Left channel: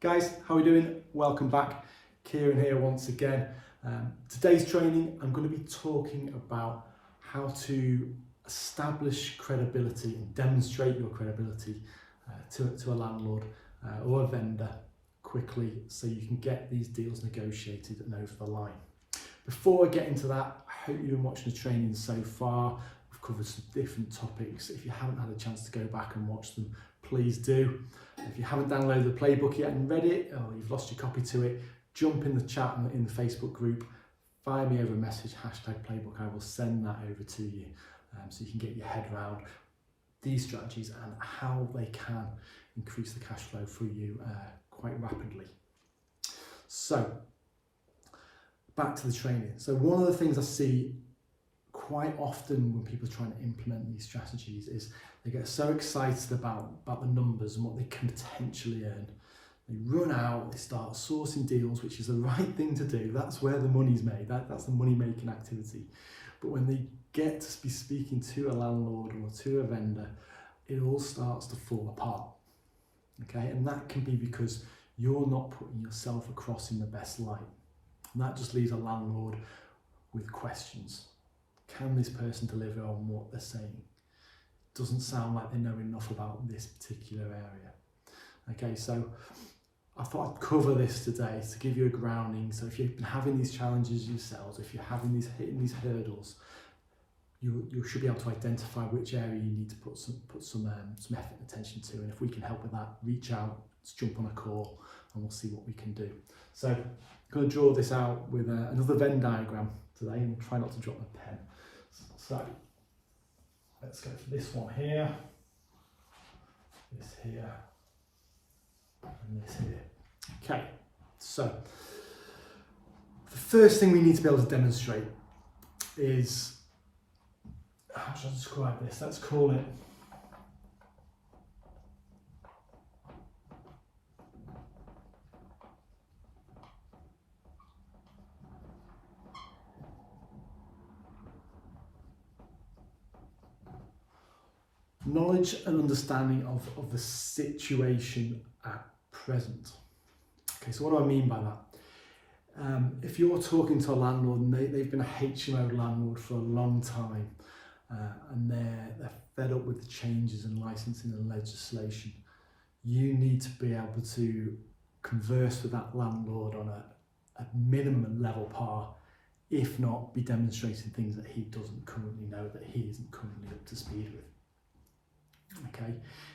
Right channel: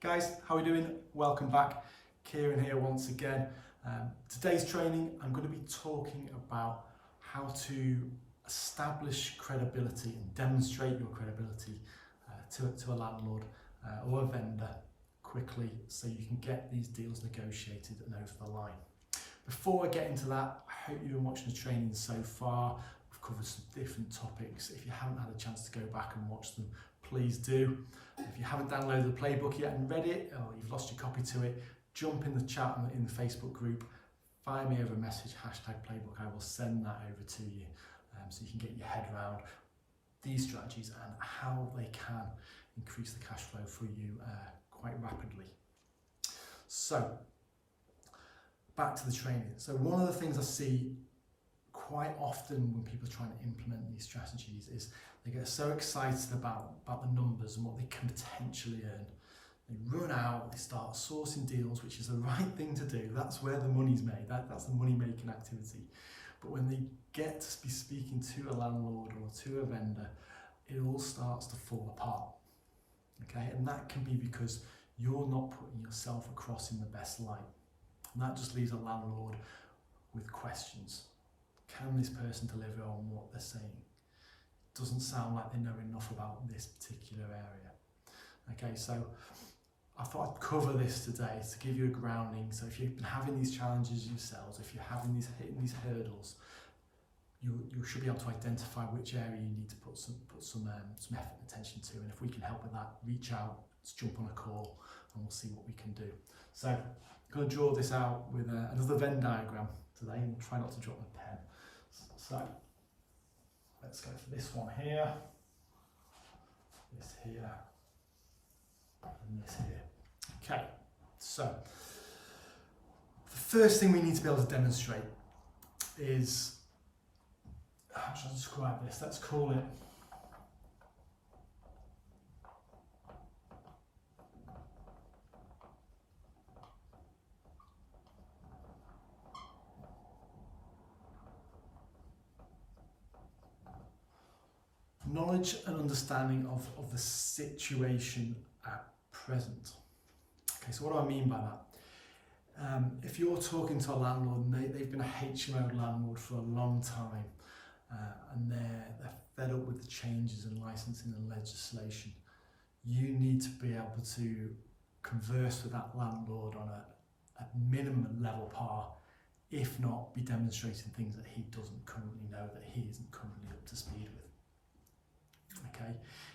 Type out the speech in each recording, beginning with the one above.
Guys, how are we doing? Welcome back. Kieran here once again. Today's training, I'm going to be talking about how to establish credibility and demonstrate your credibility to a landlord or a vendor quickly so you can get these deals negotiated and over the line. Before I get into that, I hope you've been watching the training so far. We've covered some different topics. If you haven't had a chance to go back and watch them, please do. If you haven't downloaded the playbook yet and read it, or you've lost your copy to it, jump in the chat in the Facebook group, fire me over a message, #playbook. I will send that over to you so you can get your head around these strategies and how they can increase the cash flow for you quite rapidly. So, back to the training. So one of the things I see quite often when people are trying to implement these strategies is they get so excited about the numbers and what they can potentially earn. They run out, they start sourcing deals, which is the right thing to do. That's where the money's made. That's the money-making activity. But when they get to be speaking to a landlord or to a vendor, it all starts to fall apart. Okay, and that can be because you're not putting yourself across in the best light. And that just leaves a landlord with questions. Can this person deliver on what they're saying? Doesn't sound like they know enough about this particular area. Okay, so I thought I'd cover this today to give you a grounding. So if you've been having these challenges yourselves, if you're hitting these hurdles, you should be able to identify which area you need to put some effort and attention to. And if we can help with that, reach out, let's jump on a call and we'll see what we can do. So I'm going to draw this out with another Venn diagram today and try not to drop my pen. So let's go for this one here, this here, and this here. Okay, so the first thing we need to be able to demonstrate is, how should I describe this? Let's call it knowledge and understanding of the situation at present. Okay, so what do I mean by that? If you're talking to a landlord and they've been a HMO landlord for a long time and they're fed up with the changes in licensing and legislation, you need to be able to converse with that landlord on a minimum level par, if not be demonstrating things that he doesn't currently know, that he isn't currently up to speed with. Okay,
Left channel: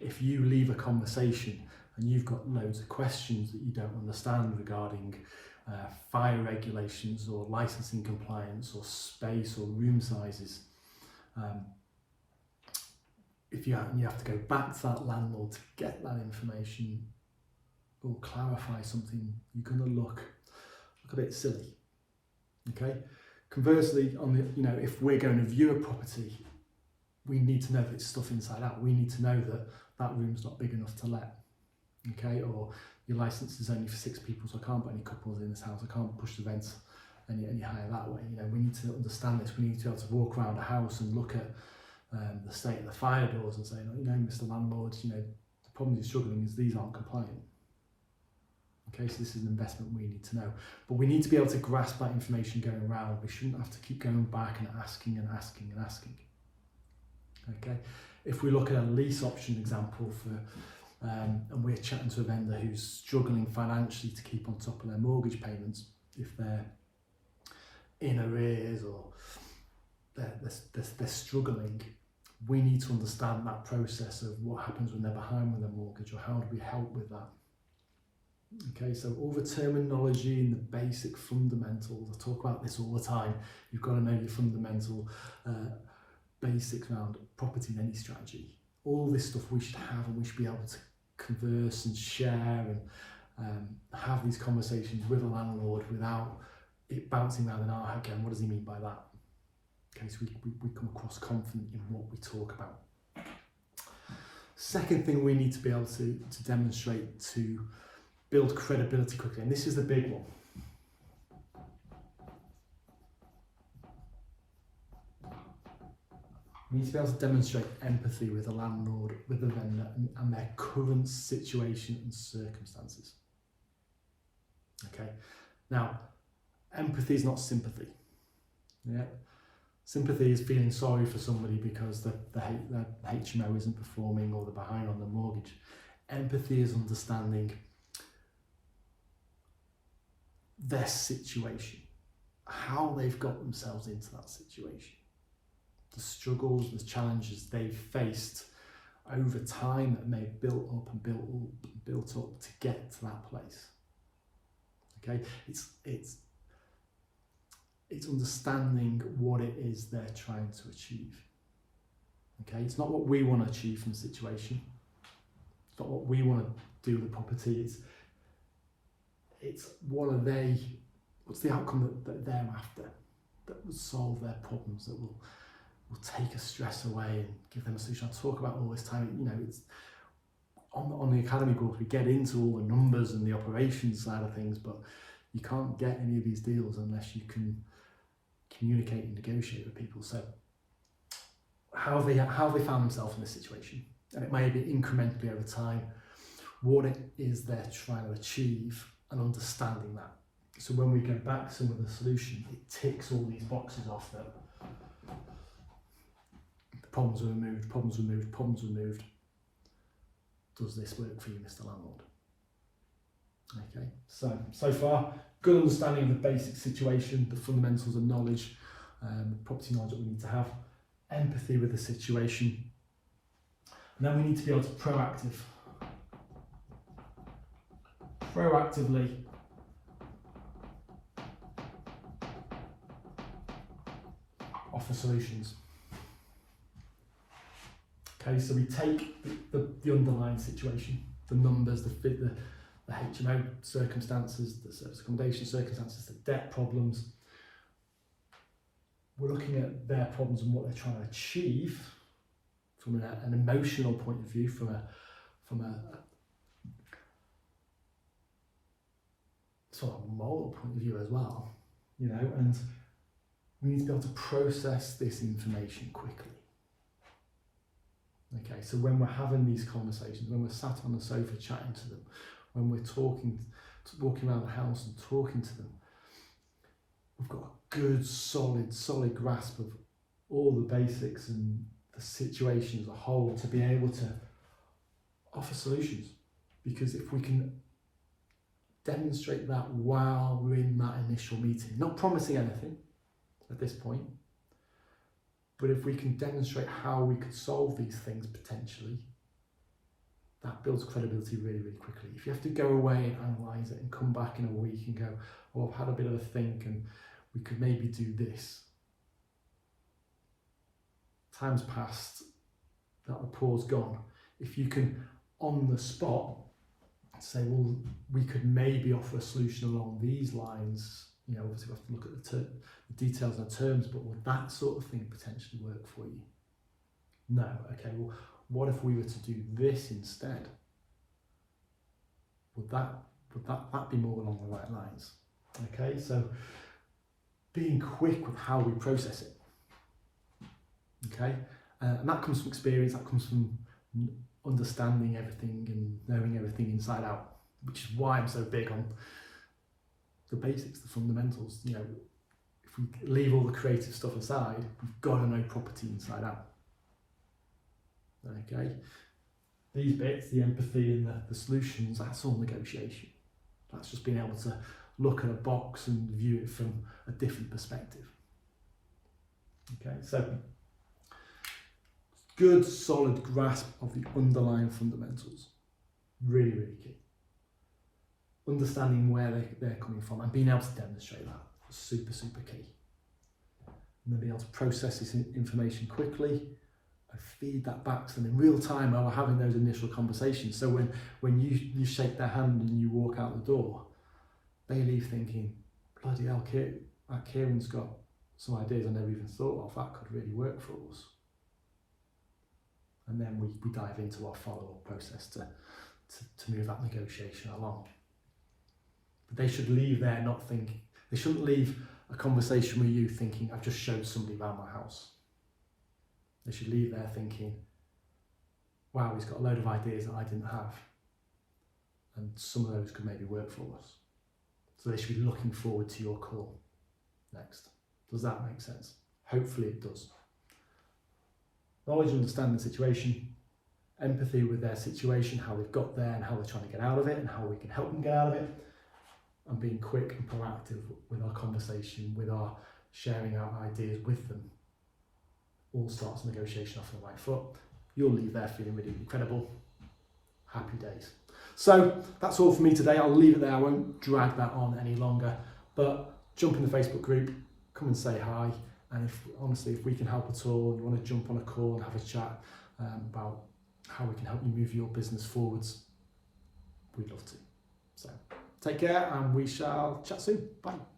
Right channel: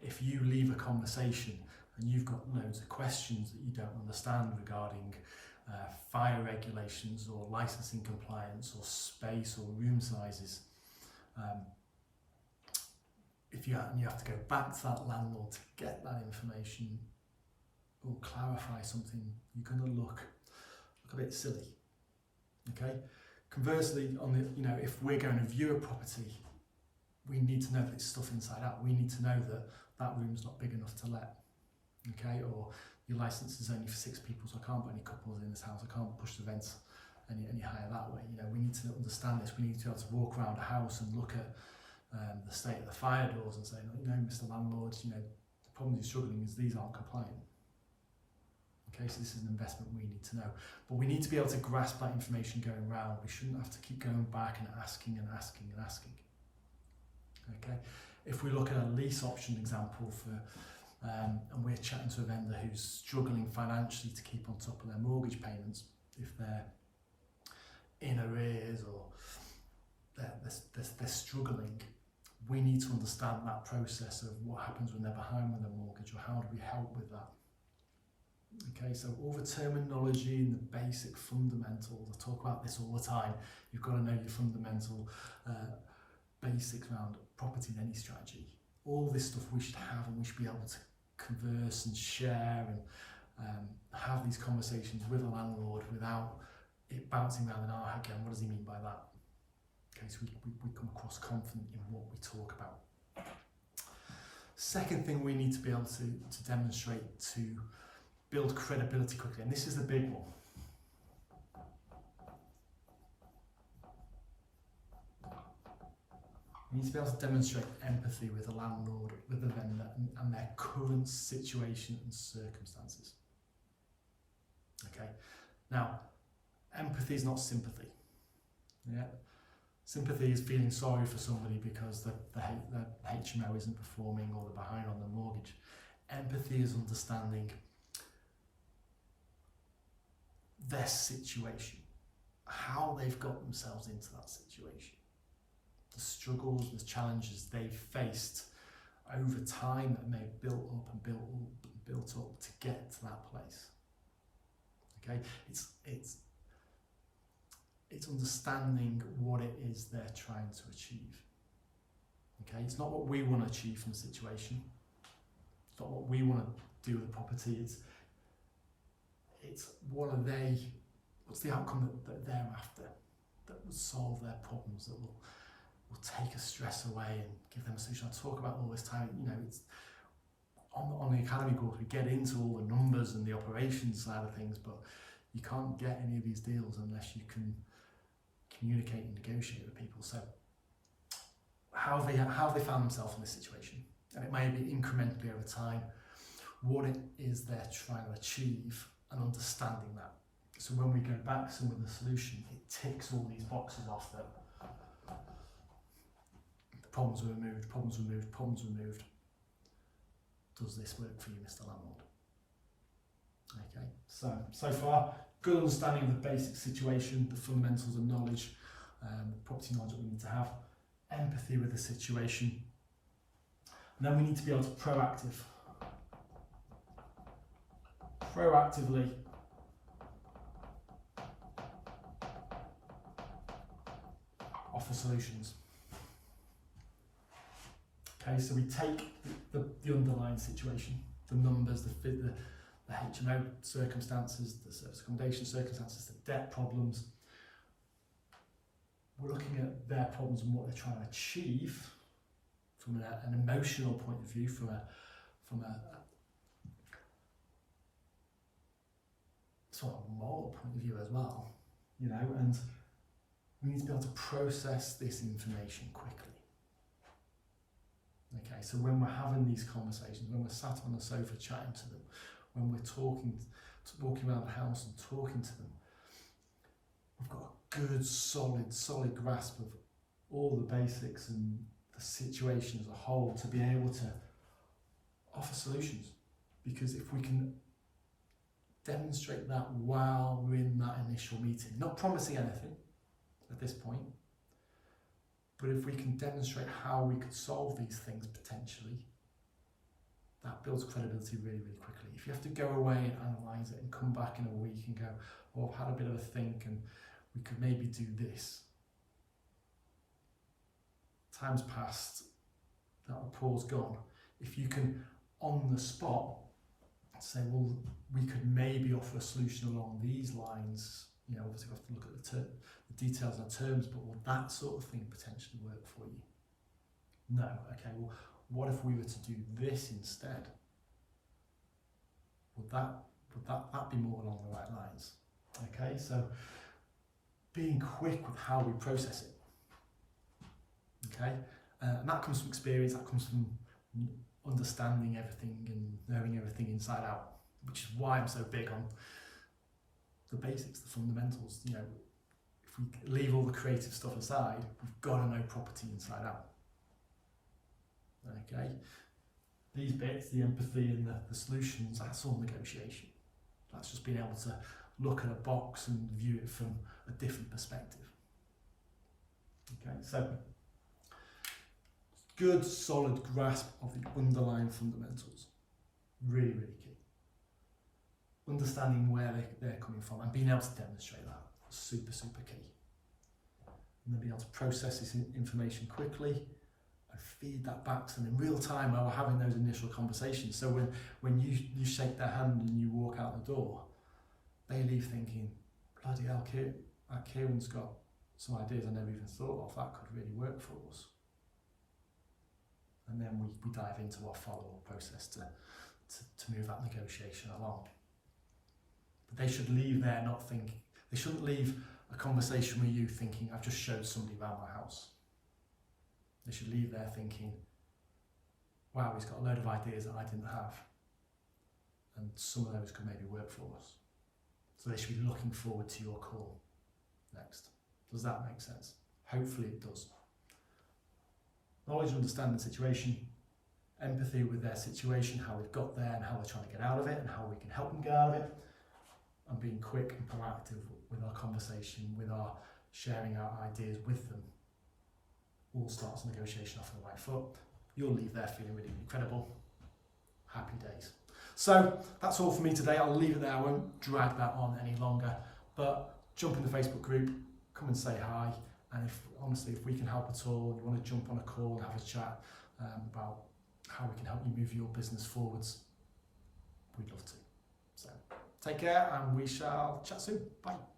if you leave a conversation and you've got loads of questions that you don't understand regarding fire regulations or licensing compliance or space or room sizes, if you have to go back to that landlord to get that information or clarify something, you're going to look a bit silly. Okay, conversely, if we're going to view a property, we need to know that it's stuff inside out. We need to know that that room's not big enough to let, okay? Or your license is only for 6 people, so I can't put any couples in this house. I can't push the vents any higher that way. We need to understand this. We need to be able to walk around a house and look at the state of the fire doors and say, Mr. Landlord, the problem you're struggling is these aren't compliant. Okay, so this is an investment we need to know. But we need to be able to grasp that information going around. We shouldn't have to keep going back and asking and asking and asking. Okay, if we look at a lease option example and we're chatting to a vendor who's struggling financially to keep on top of their mortgage payments, if they're in arrears or they're struggling, we need to understand that process of what happens when they're behind with their mortgage, or how do we help with that. Okay, so all the terminology and the basic fundamentals, I talk about this all the time. You've got to know your fundamental basics around property and any strategy. All this stuff we should have, and we should be able to converse and share and have these conversations with a landlord without it bouncing around in our head again. What does he mean by that? Okay, so we come across confident in what we talk about. Second thing we need to be able to demonstrate to build credibility quickly, and this is the big one. We need to be able to demonstrate empathy with the landlord, with the vendor, and their current situation and circumstances. Okay, now empathy is not sympathy. Yeah, sympathy is feeling sorry for somebody because the HMO isn't performing or they're behind on the mortgage. Empathy is understanding their situation, how they've got themselves into that situation, the struggles, the challenges they've faced over time that may have built up and built up to get to that place. Okay, it's understanding what it is they're trying to achieve. Okay, it's not what we want to achieve from the situation. It's not what we want to do with the property. It's what's the outcome that they're after, that will solve their problems, that will take a stress away and give them a solution. I talk about all this time, you know, it's on the academy course, we get into all the numbers and the operations side of things, but you can't get any of these deals unless you can communicate and negotiate with people. So how have they found themselves in this situation? And it may be incrementally over time, what it is they're trying to achieve and understanding that. So when we go back to some of the solution, it ticks all these boxes off that the problems are removed, problems removed, problems removed. Does this work for you, Mr. Landlord? Okay, so far, good understanding of the basic situation, the fundamentals of knowledge, the property knowledge that we need to have, empathy with the situation, and then we need to be able to proactively offer solutions. Okay, so we take the underlying situation, the numbers, the HMO circumstances, the service accommodation circumstances, the debt problems. We're looking at their problems and what they're trying to achieve from an emotional point of view, from a sort of moral point of view as well, you know, and we need to be able to process this information quickly. Okay, so when we're having these conversations, when we're sat on the sofa chatting to them, when we're walking around the house and talking to them, we've got a good, solid grasp of all the basics and the situation as a whole to be able to offer solutions. Because if we can demonstrate that while we're in that initial meeting, not promising anything at this point, but if we can demonstrate how we could solve these things potentially, that builds credibility really, really quickly. If you have to go away and analyse it and come back in a week and go, oh, I've had a bit of a think and we could maybe do this. Time's passed, that rapport's gone. If you can, on the spot, say, well, we could maybe offer a solution along these lines, you know, obviously we have to look at the details and terms, but will that sort of thing potentially work for you? No. Okay, well, what if we were to do this instead? Would that be more along the right lines? Okay, so being quick with how we process it. Okay, and that comes from experience, that comes from understanding everything and knowing everything inside out, which is why I'm so big on the basics, the fundamentals. You know, if we leave all the creative stuff aside, we've got to know property inside out. Okay, these bits, the empathy and the solutions, that's all negotiation. That's just being able to look at a box and view it from a different perspective. Okay, so good, solid grasp of the underlying fundamentals. Really, really key. Understanding where they're coming from and being able to demonstrate that. Super, super key. And then being able to process this information quickly and feed that back to them in real time while we're having those initial conversations. So when you shake their hand and you walk out the door, they leave thinking, bloody hell, Kieran's got some ideas I never even thought of. That could really work for us. And then we dive into our follow-up process to move that negotiation along. But they should leave there not thinking, they shouldn't leave a conversation with you thinking, I've just showed somebody around my house. They should leave there thinking, wow, he's got a load of ideas that I didn't have. And some of those could maybe work for us. So they should be looking forward to your call next. Does that make sense? Hopefully it does. Knowledge and understanding the situation, empathy with their situation, how they've got there and how they're trying to get out of it and how we can help them get out of it, and being quick and proactive with our conversation, with our sharing our ideas with them, all starts the negotiation off on the right foot. You'll leave there feeling really incredible. Happy days. So that's all for me today. I'll leave it there. I won't drag that on any longer, but jump in the Facebook group, come and say hi. And if we can help at all, you want to jump on a call and have a chat about how we can help you move your business forwards, we'd love to. So take care and we shall chat soon. Bye.